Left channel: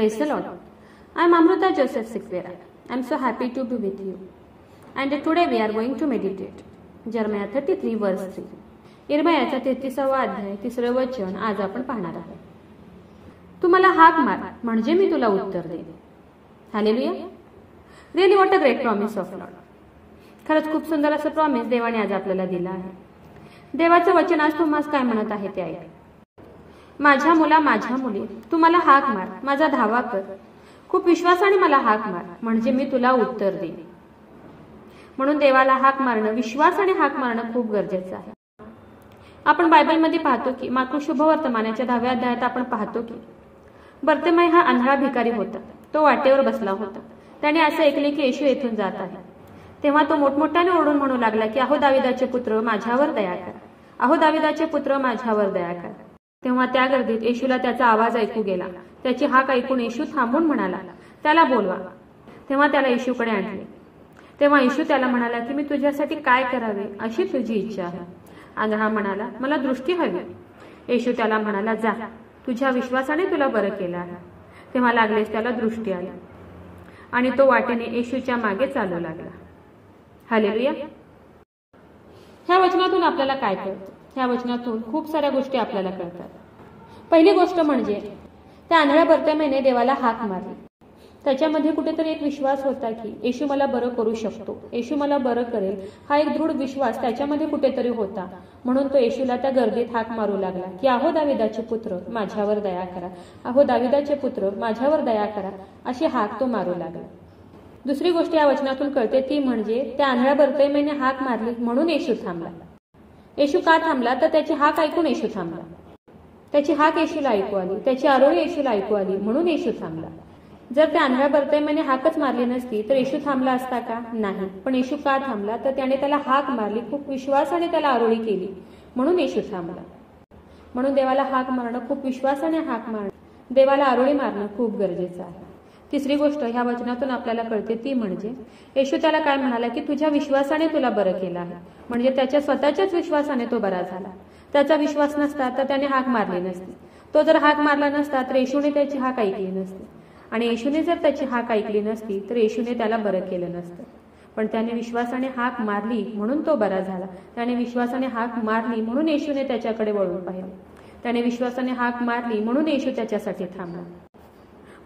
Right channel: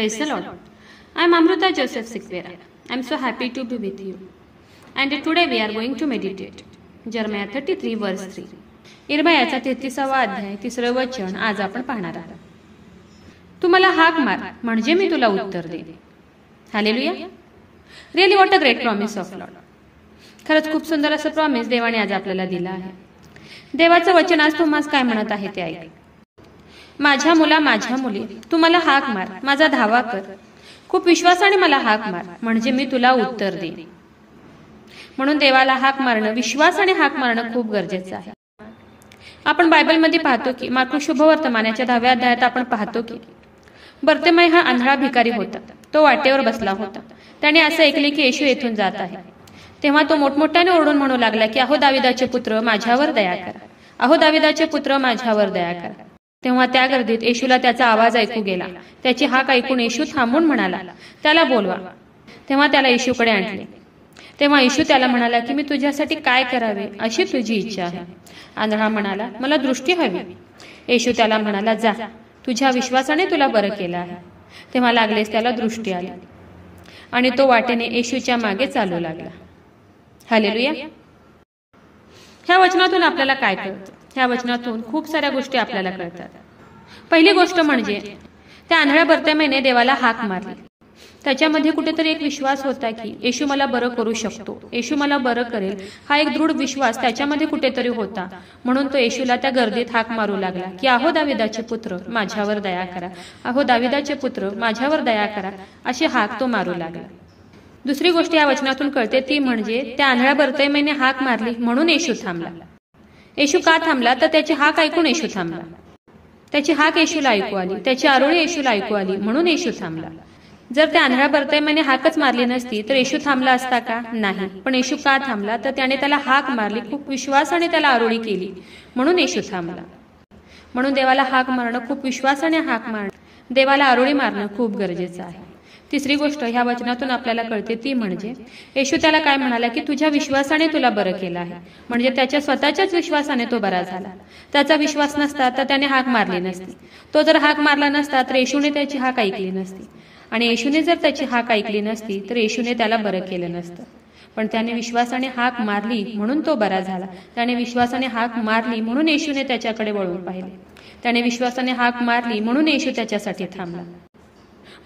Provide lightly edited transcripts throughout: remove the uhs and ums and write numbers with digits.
Praise the Lord. I am Amruta Joseph Sikvera. I am so happy to be with you. And today we are going to meditate. Jeremiah 33 verse 3. इर्मियाचा 33वा अध्याय 3रं वचन आज आपण पाहणार आहोत. तू मला हाक मार म्हणजे मी तुला उत्तर देईन. Hallelujah. Really what a great promise of Lord. खरंच खूप सुंदर असं प्रॉमिस देवाने आज आपल्याला दिलं आहे. देवाचं वचन आज तुम्हाला काय म्हणत आहे ते ऐक. माझ्या मुला, माझ्या मुली, तू मला हाक मार, माझा धावा कर, खूप विश्वासाने मला हाक मार म्हणजे मी तुला उत्तर देईन. म्हणून देवाला हाक मारणं, विश्वासाने हाक मारणं खूप गरजेचं आहे. आपण बायबलमध्ये पाहतो की मार्क शुभवर्तमानाच्या 10व्या अध्यायात आपण पाहतो की बर्तिमेय हा आंधळा भिकारी होता. तो वाटेवर बसला होता. त्याने असं ऐकले की येशू येथून जात आहे. तेव्हा तो मोठमोठ्याने ओरडून म्हणू लागला की अहो दाविदाचे पुत्र, माझ्यावर दया करा, अहो दाविदाचे पुत्र, माझ्यावर दया करा. तेव्हा त्या गर्दीत येशूला त्याचा आवाज ऐकू गेला. त्याची हाक ऐकून येशू थांबून म्हणाला, त्याला बोलवा. तेव्हा त्याला येशूकडे आणले. तेव्हा येशू त्याला म्हणाला की मी तुझ्यासाठी काय करावे अशी तुझी इच्छा आहे. आंधळा म्हणाला, मला दृष्टी हवी. येशू त्याला म्हणाला, जा, तुझ्या विश्वासाने तुला बरं केलं आहे. तेव्हा लागलेच त्याला दृष्टी आली आणि तो वाटेने येशूच्या मागे चालू लागला. हालेलुया. ह्या वचनातून आपल्याला काय कळतं? ह्या वचनातून खूप साऱ्या गोष्टी आपल्याला कळतात. पहिली गोष्ट म्हणजे त्या आंधळ्या बर्तिमेयने देवाला हाक मारली. त्याच्यामध्ये कुठेतरी एक विश्वास होता की येशू मला बरं करू शकतो, येशू मला बरं करेल, हा एक दृढ विश्वास त्याच्यामध्ये कुठेतरी होता. म्हणून तो येशूला त्या गर्दीत हाक मारू लागला की अहो दाविदाचे पुत्र, माझ्यावर दया करा, अहो दाविदाचे पुत्र, माझ्यावर दया करा, अशी हाक तो मारू लागला. दुसरी गोष्ट या वचनातून कळते ती म्हणजे त्या आंधळ्या बर्तिमेयने हाक मारली म्हणून येशू थांबला. येशू का थांबला? तर त्याची हाक ऐकून येशू थांबला. त्याची हाक येशूला ऐकू आली, त्याची आरोळी येशूला ऐकू आली म्हणून येशू थांबला. जर त्या आंधळ्या बर्तिमेयने हाकच मारली नसती तर येशू थांबला असता का? नाही. पण येशू का थांबला? तर त्याने त्याला हाक मारली, खूप विश्वासाने त्याला आरोळी केली म्हणून येशू थांबला. म्हणून देवाला हाक मारणं, खूप विश्वासाने हाक मारणं, देवाला आरोळी मारणं खूप गरजेचं आहे. तिसरी गोष्ट ह्या वचनातून आपल्याला कळते ती म्हणजे येशू त्याला काय म्हणाला की तुझ्या विश्वासाने तुला बरं केलं आहे. म्हणजे त्याच्या स्वतःच्याच विश्वासाने तो बरा झाला. त्याचा विश्वास नसता तर त्याने हाक मारली नसती. तो जर हाक मारला नसता तर येशूने त्याची हाक ऐकली नसती. आणि येशूने जर त्याची हाक ऐकली नसती तर येशूने त्याला बरं केलं नसतं. पण त्याने विश्वासाने हाक मारली म्हणून तो बरा झाला. त्याने विश्वासाने हाक मारली म्हणून येशूने त्याच्याकडे वळून पाहिले. त्याने विश्वासाने हाक मारली म्हणून येशू त्याच्यासाठी थांबला.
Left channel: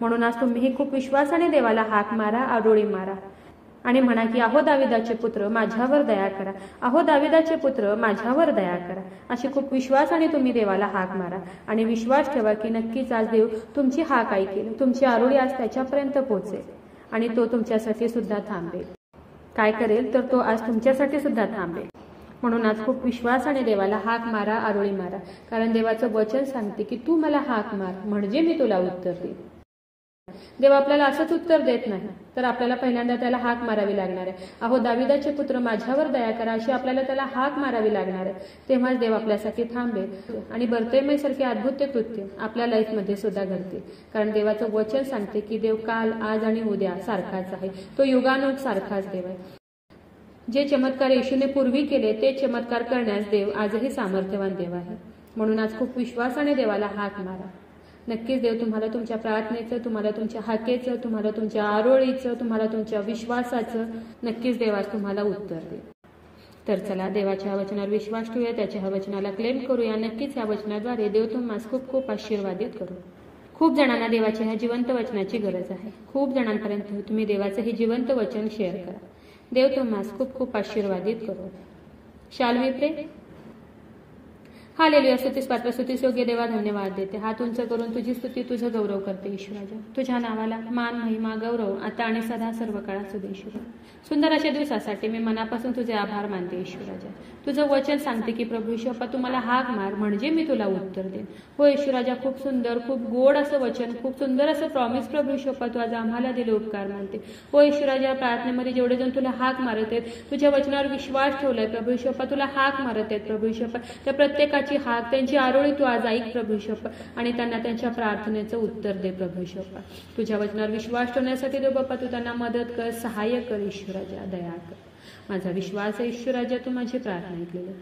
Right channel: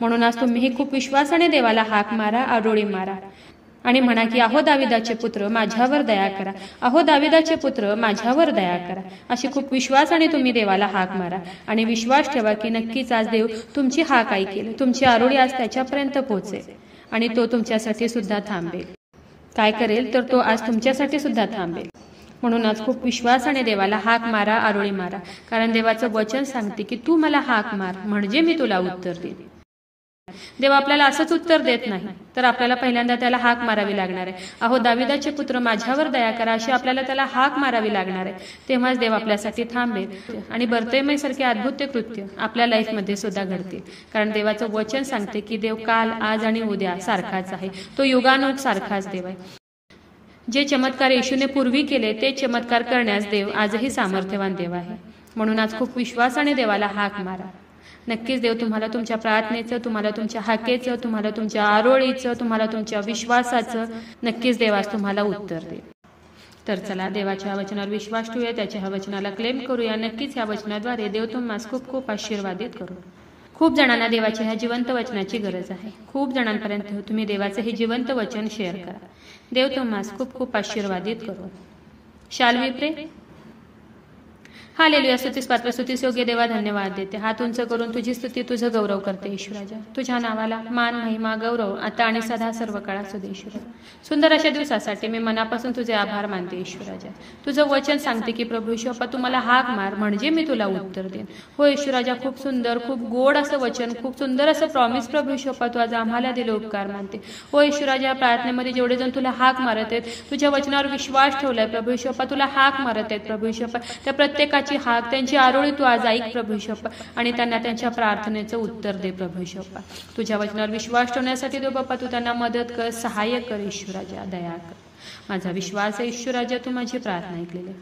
म्हणून आज तुम्हीही खूप विश्वासाने देवाला हाक मारा, आरोळी मारा आणि म्हणा की अहो दाविदाचे पुत्र, माझ्यावर दया करा, अहो दाविदाचे पुत्र, माझ्यावर दया करा. अशी खूप विश्वासाने तुम्ही देवाला हाक मारा आणि विश्वास ठेवा की नक्कीच आज देव तुमची हाक ऐकेल, तुमची आरोळी आज त्याच्यापर्यंत पोहोचेल आणि तो तुमच्यासाठी सुद्धा थांबेल. काय करेल? तर तो आज तुमच्यासाठी सुद्धा थांबेल. म्हणून आज खूप विश्वासाने देवाला हाक मारा, आरोळी मारा, कारण देवाचं वचन सांगते की तू मला हाक मार म्हणजे मी तुला उत्तर देईन. देव आपल्याला असंच उत्तर देत नाही, तर आपल्याला पहिल्यांदा त्याला हाक मारावी लागणार आहे. अहो दाविदाचे पुत्र, माझ्यावर दया करा, अशी आपल्याला त्याला हाक मारावी लागणार आहे. तेव्हाच देव आपल्यासाठी थांबेल आणि बर्तिमेय सारखे अद्भुत कृत्य आपल्या लाईफमध्ये सुद्धा घडतील. कारण देवाचं वचन सांगते की देव काल, आज आणि उद्या सारखाच आहे. तो युगानुग सारखाच देव आहे. जे चमत्कार येशूने पूर्वी केले ते चमत्कार करण्यास देव आजही सामर्थ्यवान देव आहे. म्हणून आज खूप विश्वासाने देवाला हाक मारा. नक्कीच देव तुम्हाला तुमच्या प्रार्थनेचं, तुम्हाला तुमच्या हाकेचं, तुम्हाला तुमच्या आरोळीचं, तुम्हाला तुमच्या विश्वासाचं नक्कीच देव आज तुम्हाला उत्तर देईल. तर चला देवाच्या वचनावर विश्वास ठेवूया, त्याच्या वचनाला क्लेम करूया. नक्कीच या वचनाद्वारे देव तुम्हाला खूप खूप आशीर्वादित करू. खूप जणांना देवाच्या ह्या जिवंत वचनाची गरज आहे. खूप जणांपर्यंत तुम्ही देवाचं हे जिवंत वचन शेअर करा. देव तुम्हाला खूप खूप आशीर्वादित करू. शाल वी प्रे. हालेलुया. स्तुतीस पात्र, स्तुतीस योग्य देवा, धन्यवाद देते. हात उंच करून तुझी स्तुती, तुझं गौरव करते ईश्वराजा. तुझ्या नावाला मान, महिमा, गौरव आता आणि सदा सर्व काळा सुदे ईश्वरा. सुंदर अशा दिवसासाठी मी मनापासून तुझे आभार मानते ईश्वराजा. तुझं वचन सांगते की प्रभू ईश्वरा, तू मला हाक मार म्हणजे मी तुला उत्तर देईन. हो ईश्वराजा, खूप सुंदर, खूप गोड असं वचन, खूप सुंदर असं प्रॉमिस प्रभू ईश्वरा तू आज आम्हाला दिलं, उपकार मानते. हो ईश्वराजा, प्रार्थनेमध्ये जेवढे जण तुला हाक मारत आहेत, तुझ्या वचनावर विश्वास ठेवलाय प्रभू ईश्वरा, तुला हाक मारत आहेत प्रभू ईश्वरा, त्या प्रत्येकाची हाक, त्यांची आरोळी तू आज ऐक प्रभू ईश्वरा आणि त्यांना त्यांच्या प्रार्थनेचं उत्तर दे प्रभू ईश्वरा. तुझ्या वचनावर विश्वास ठेवण्यासाठी देव बाप्पा तू त्यांना मदत कर, सहाय्य कर ईश्वराजा, दया कर. माझा विश्वास आहे ईश्वराजा, तू माझी प्रार्थना ऐकलेली.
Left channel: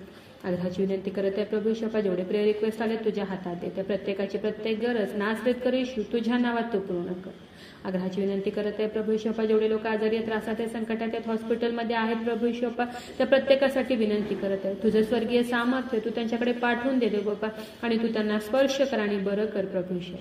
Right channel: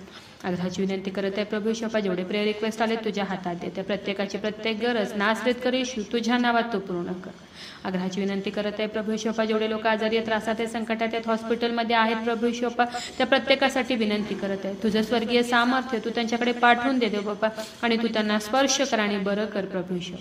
आग्रहाची विनंती करत आहे प्रभू येशू, जेवढे प्रेयर रिक्वेस्ट आले तुझ्या हातात देते. प्रत्येकाची प्रत्येक गरज नासरेत कर येशू तुझ्या नावात तू पूर्ण कर. आग्रहाची विनंती करत आहे प्रभू येशू, जेवढे लोक आजारी आहेत, त्रासात आहेत, संकटात आहेत, हॉस्पिटलमध्ये आहेत प्रभू येशू, त्या प्रत्येकासाठी विनंती करत आहे. तुझं स्वर्गीय सामर्थ्य तू त्यांच्याकडे पाठवून दे देव बाप्पा, आणि तू त्यांना स्पर्श कर आणि बरं कर प्रभू येशू.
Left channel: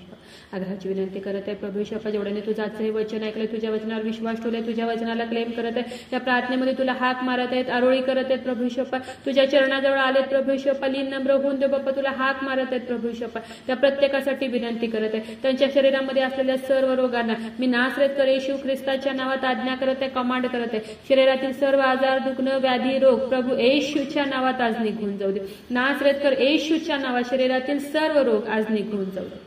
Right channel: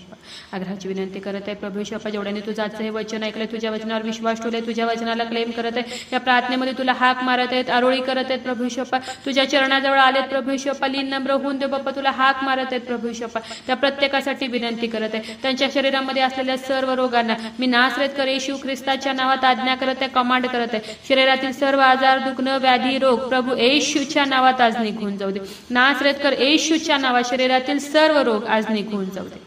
आग्रहाची विनंती करत आहे प्रभू येशू, जेवढ्याने तुझं आजचं हे वचन ऐकलंय, तुझ्या वचनावर विश्वास ठेवलाय, तुझ्या वचनाला क्लेम करत आहे, या प्रार्थनेमध्ये तुला हाक मारत आहेत, आरोळी करत आहेत प्रभू येशू, तुझ्या चरणाजवळ आलेत प्रभू येशू, लीन नम्र होऊन दे बाप्पा, तुला हाक मारत आहेत प्रभू येशू. त्या प्रत्येकासाठी विनंती करत आहे. त्यांच्या शरीरामध्ये असलेल्या सर्व रोगांना मी नासरेत कर येशू ख्रिस्ताच्या नावात आज्ञा करत आहे, कमांड करत आहे. शरीरातील सर्व आजार, दुखणं, व्याधी, रोग प्रभू येशूच्या नावात आज निघून जाऊ दे. नासरेत कर येशूच्या नावात शरीरातील सर्व रोग आज निघून जाऊ दे.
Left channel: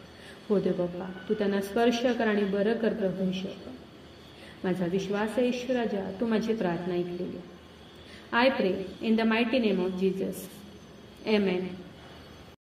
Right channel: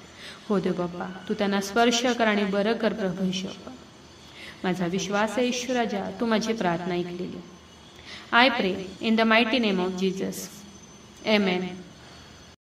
हो दे बाप्पा, तू त्यांना स्पर्श कर आणि बरं कर प्रभू येशू. माझा विश्वास आहे येशू राजा, तू माझी प्रार्थना ऐकलेली. आय प्रे in the mighty name of Jesus. Amen.